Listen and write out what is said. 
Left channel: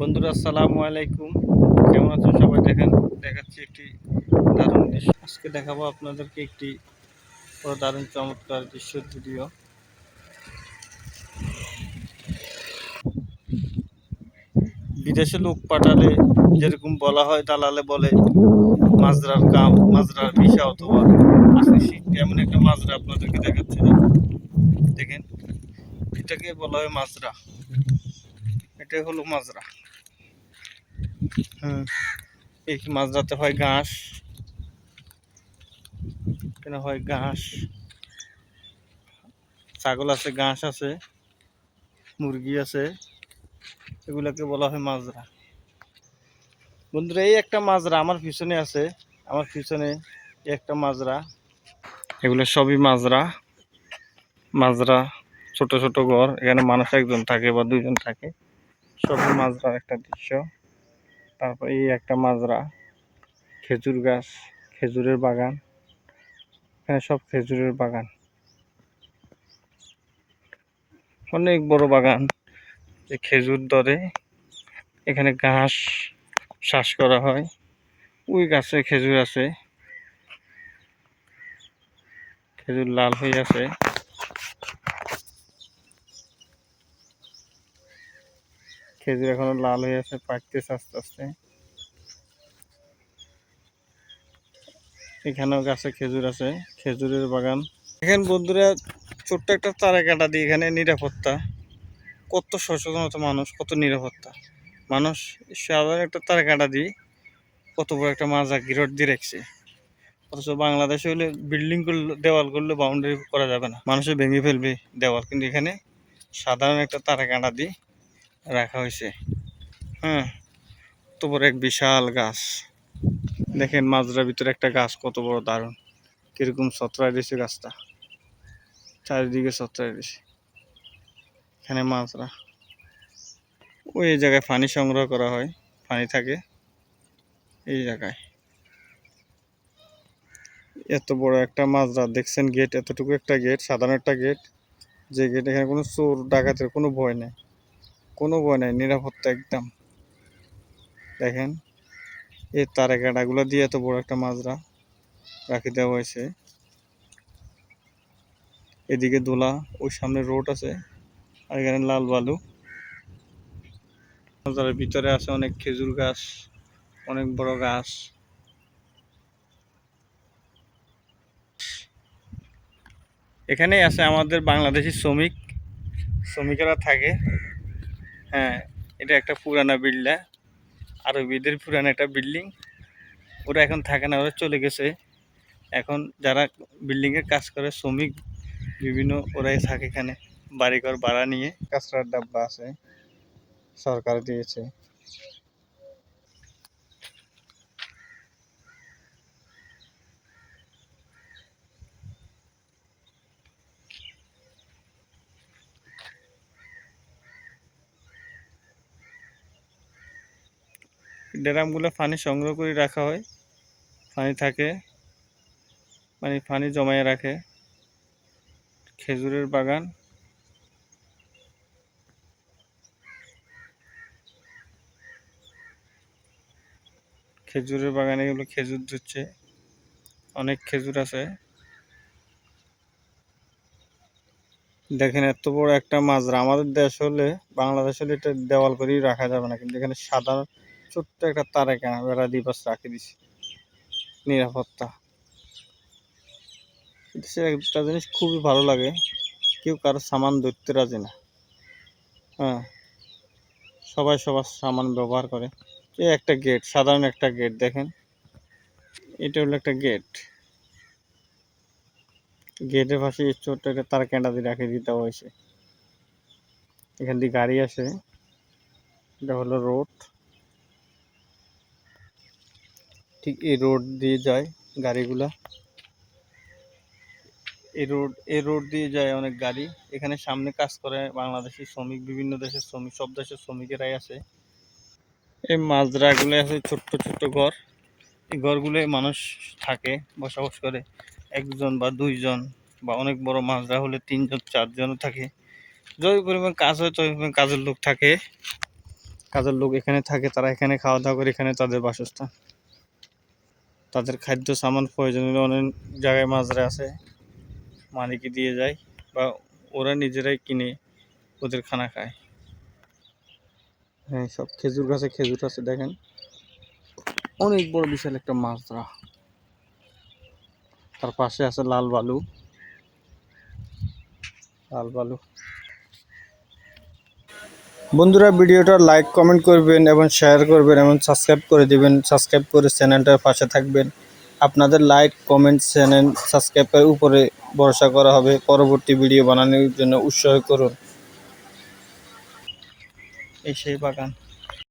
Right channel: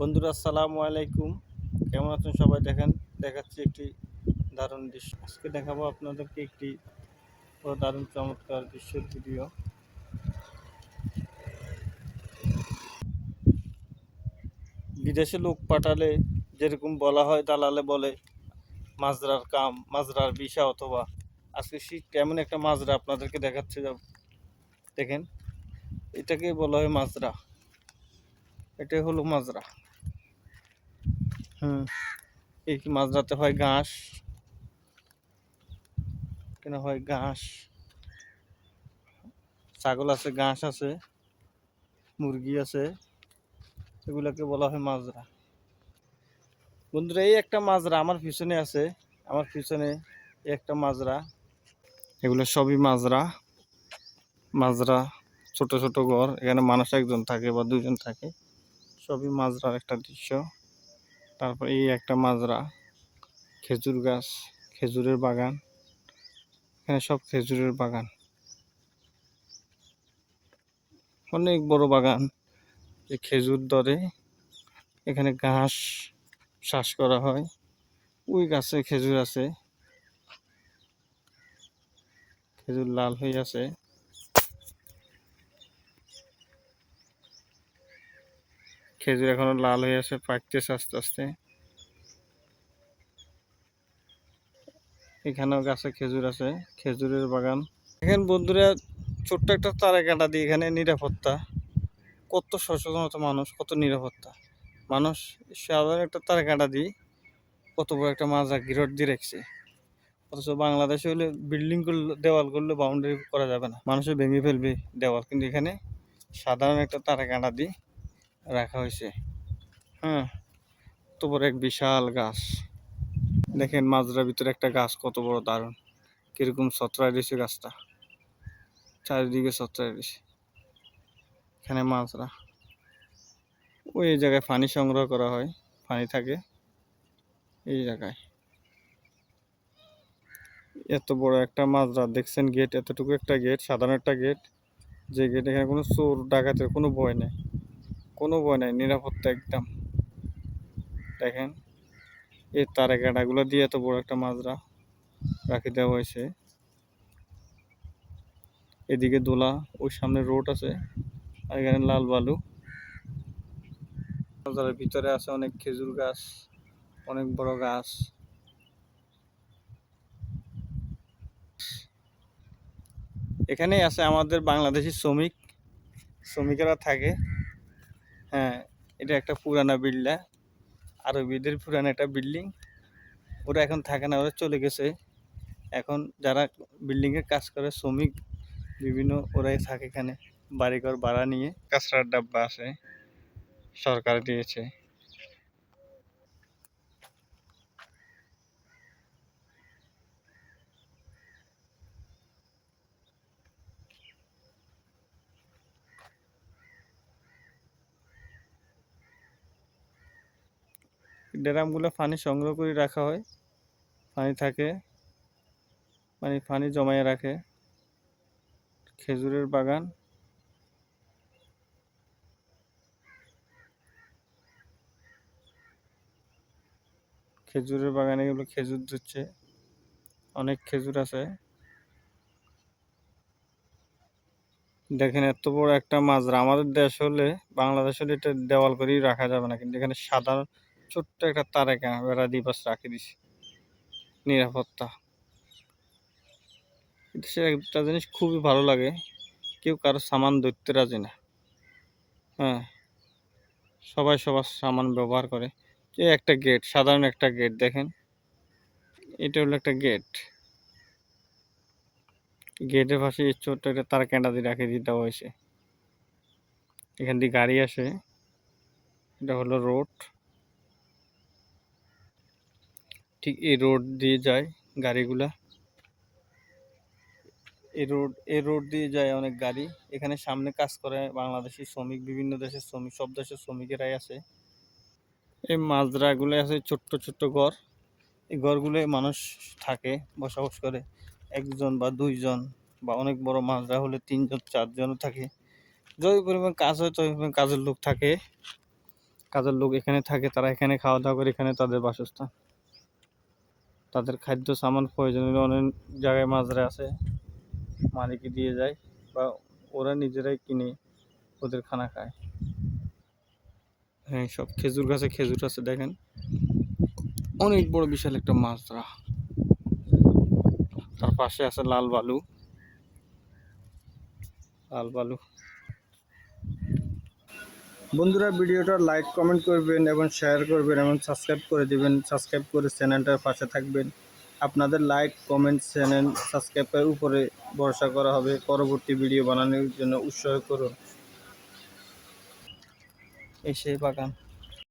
বন্ধুরা আসসালামু আলাইকুম, কেমন আছেন সবাই? দেখাচ্ছি একটি দারুণ দৃশ্য। আজকে দেখাবো আপনাদেরকে একটি দারুণ চমৎকার দৃশ্যের ভিডিও। বিদেশে লোক পাঠালে যেরকম বলা হয়, দালালে বলে মাজরার কাম, মাজরার ভিসা, অথবা আজকে এমন একটা মাজরা আপনাদেরকে দেখাচ্ছে। দেখেন, এটাকেই বলা হয় মাজরা। এটাই হলো মাজরা। এই মাজরাতে হয় ঘাস, এখানে হয় ঘাস, ছাগল আছে, ঘাস আছে, মুরগি আছে, এগুলোকে বলা হয় মাজরা। বন্ধুরা, এই একটা মাজরা আমার পিছনে আছে, আমার পিছনে একটা মাজরা। এগুলো সবই মাজরা। মাজরা ছোট ছোট ঘর, এখানে মানুষ একজন থাকে বা দুইজন থাকে, সবই মাজরার একটা দৃশ্য। তারপর এই একটা মাজরা, খেজুর গাছ, খেজুরের বাগান, এখানে সব খেজুরের বাগান, অনেক বড় বাগান। এই খেজুর ধরে, এখানে ঘাস চাষ করা হয়। ওই গাছে খেজুর আছে, খেজুর লাল হয়ে আছে। খেজুর এখনো লাল হয়ে আছে, পাকতেছে আস্তে আস্তে। এখানেও গাছে খেজুর আছে, খেজুরের বাগান। এখানে বন্ধুরা ছোট্ট একটা তারা কাটা দিয়ে এখানে নিরাপত্তা, কত সচেতনতা মানুষ, কত নিরাপত্তা মানুষ। সাধারণ একটা তারা কাটা দিয়ে কত বড় একটা মাজা গিরট দিয়ে রাখছে। অথচ বাংলাদেশে হলে বিল্ডিং করলে, দেওয়াল করলে বাউন্ডারি করা যাবে না, মানুষে ভেঙে ফেলবে দেওয়াল, কিন্তু এখানে সাধারণ একটা তারা কাটা দিয়ে রাখা হয়েছে। তো বড় এক বিশাল গাছ। দেখেন মাজরার ভিতরে একটা গাছ কত বড় দারুণ, কিরকম ছত্রায় দিয়েছে গাছটা, চারিদিকে ছত্রায় দিয়েছে। এখানে মাজরা, ওই জায়গায় পানি সংগ্রহ করা হয়, পানি থাকে এই জায়গায়। এত বড় একটা মাজরা দেখছেন, গেট, এতটুকু একটা গেট, সাধারণ একটা গেট, যে গেট, এখানে কোনো চোর ডাকাতের কোনো ভয় নেই, কোনো ভয় নেই, নিরাপত্তা একদম। দেখেন এই তারা কাঁটাগুলো দিয়ে এত বড় একটা মাজরা রাখি দেওয়া হয়েছে। এদিকে দোলা, ওই সামনে রোড আছে, আর এখানে লাল বালু। মাজারের ভিতরে আছে অনেক খেজুর গাছ, অনেক বড় গাছ। এখানেই আছে আমাদের বাংলাদেশি শ্রমিকেরা থাকে। এটা একটা পুরানা বিল্ডিং, আরবিদের পুরানা একটা বিল্ডিং। ওরা এখন থাকে না, ওরা চলে গেছে। এখন যারা বিল্ডিংয়ের কাজ করে, শ্রমিক বিভিন্ন, ওরাই থাকে এখানে, বাড়িঘর ভাড়া নিয়ে। কাঁচরার ডাব্বা আছে, সরকার দিয়েছে। ড্রামগুলো পানি সংগ্রহ করে রাখা হয়, পানি থাকে, পানি জমায়ে রাখে। খেজুরের বাগান, খেজুরের বাগানে এগুলো খেজুর ধুচ্ছে, অনেক খেজুর আছে। দেখেন এত বড় একটা মাজরা, আমাদের দেশ হলে, বাংলাদেশ হলে এটা দেওয়াল করেই রাখা যাবে না, কিন্তু এখানে সাধারণ ছোট্ট একটা তারা বেড়া দিয়ে বাস রাখে দিছে, নিরাপত্তা। দেশের একটা জিনিস খুবই ভালো লাগে, কেউ কারো সামান ধরতে রাজি না। সবাই সবার সামান ব্যবহার করে। এই একটা গেট, সাধারণ একটা গেট, দেখেন এটা হলো একটা গেট। গেটের পাশে ছোট্ট একটা তার ক্যান্ডা দিয়ে রাখে দিতে হয়েছে। এখান দিয়ে গাড়ি আসে, এটা হলো রোড। ঠিক এই রোড দিয়ে যায় গাড়িগুলা, এই রোড দিয়ে যায় অনেক গাড়ি। এখানে সামনে কাজ করে বাংলাদেশের শ্রমিক, বিভিন্ন দেশের শ্রমিক, সব দেশের শ্রমিকেরাই আছে। এই মাজরাগুলো আছে ছোট্ট ছোট্ট ঘর, এই ঘরগুলোয় মানুষ থাকে, বসবাস করে, একজন বা দুইজন, বা অনেক বড় মাজরা হলে তিনজন চারজনও থাকে। যত পরিমাণ কাজ হয় তত পরিমাণ কাজের লোক থাকে। কাজের লোক এখানে থাকে, তারা এখানে খাওয়া দাওয়া করে, এখানে তাদের বাসস্থান। তাদের খাদ্য সামান প্রয়োজনীয় অনেক জায়গায় মাজরা আছে, মালিকই দিয়ে যায় বা ওরা নিজেরাই কিনে ওদের খানা খায়। হ্যাঁ, সব খেজুর গাছে খেজুর আছে, দেখেন অনেক বড় বিশাল একটা মাজরা। তার পাশে আছে লাল বালু, লাল বালু। বন্ধুরা, ভিডিওটা লাইক কমেন্ট করবেন এবং শেয়ার করবেন এবং সাবস্ক্রাইব করে দিবেন। সাবস্ক্রাইব করে চ্যানেলটার পাশে থাকবেন। আপনাদের লাইক কমেন্ট চ্যানেল সাবস্ক্রাইবের উপরে ভরসা করা হবে। পরবর্তী ভিডিও বানানোর জন্য উৎসাহ করুন। এই সেই বাগান।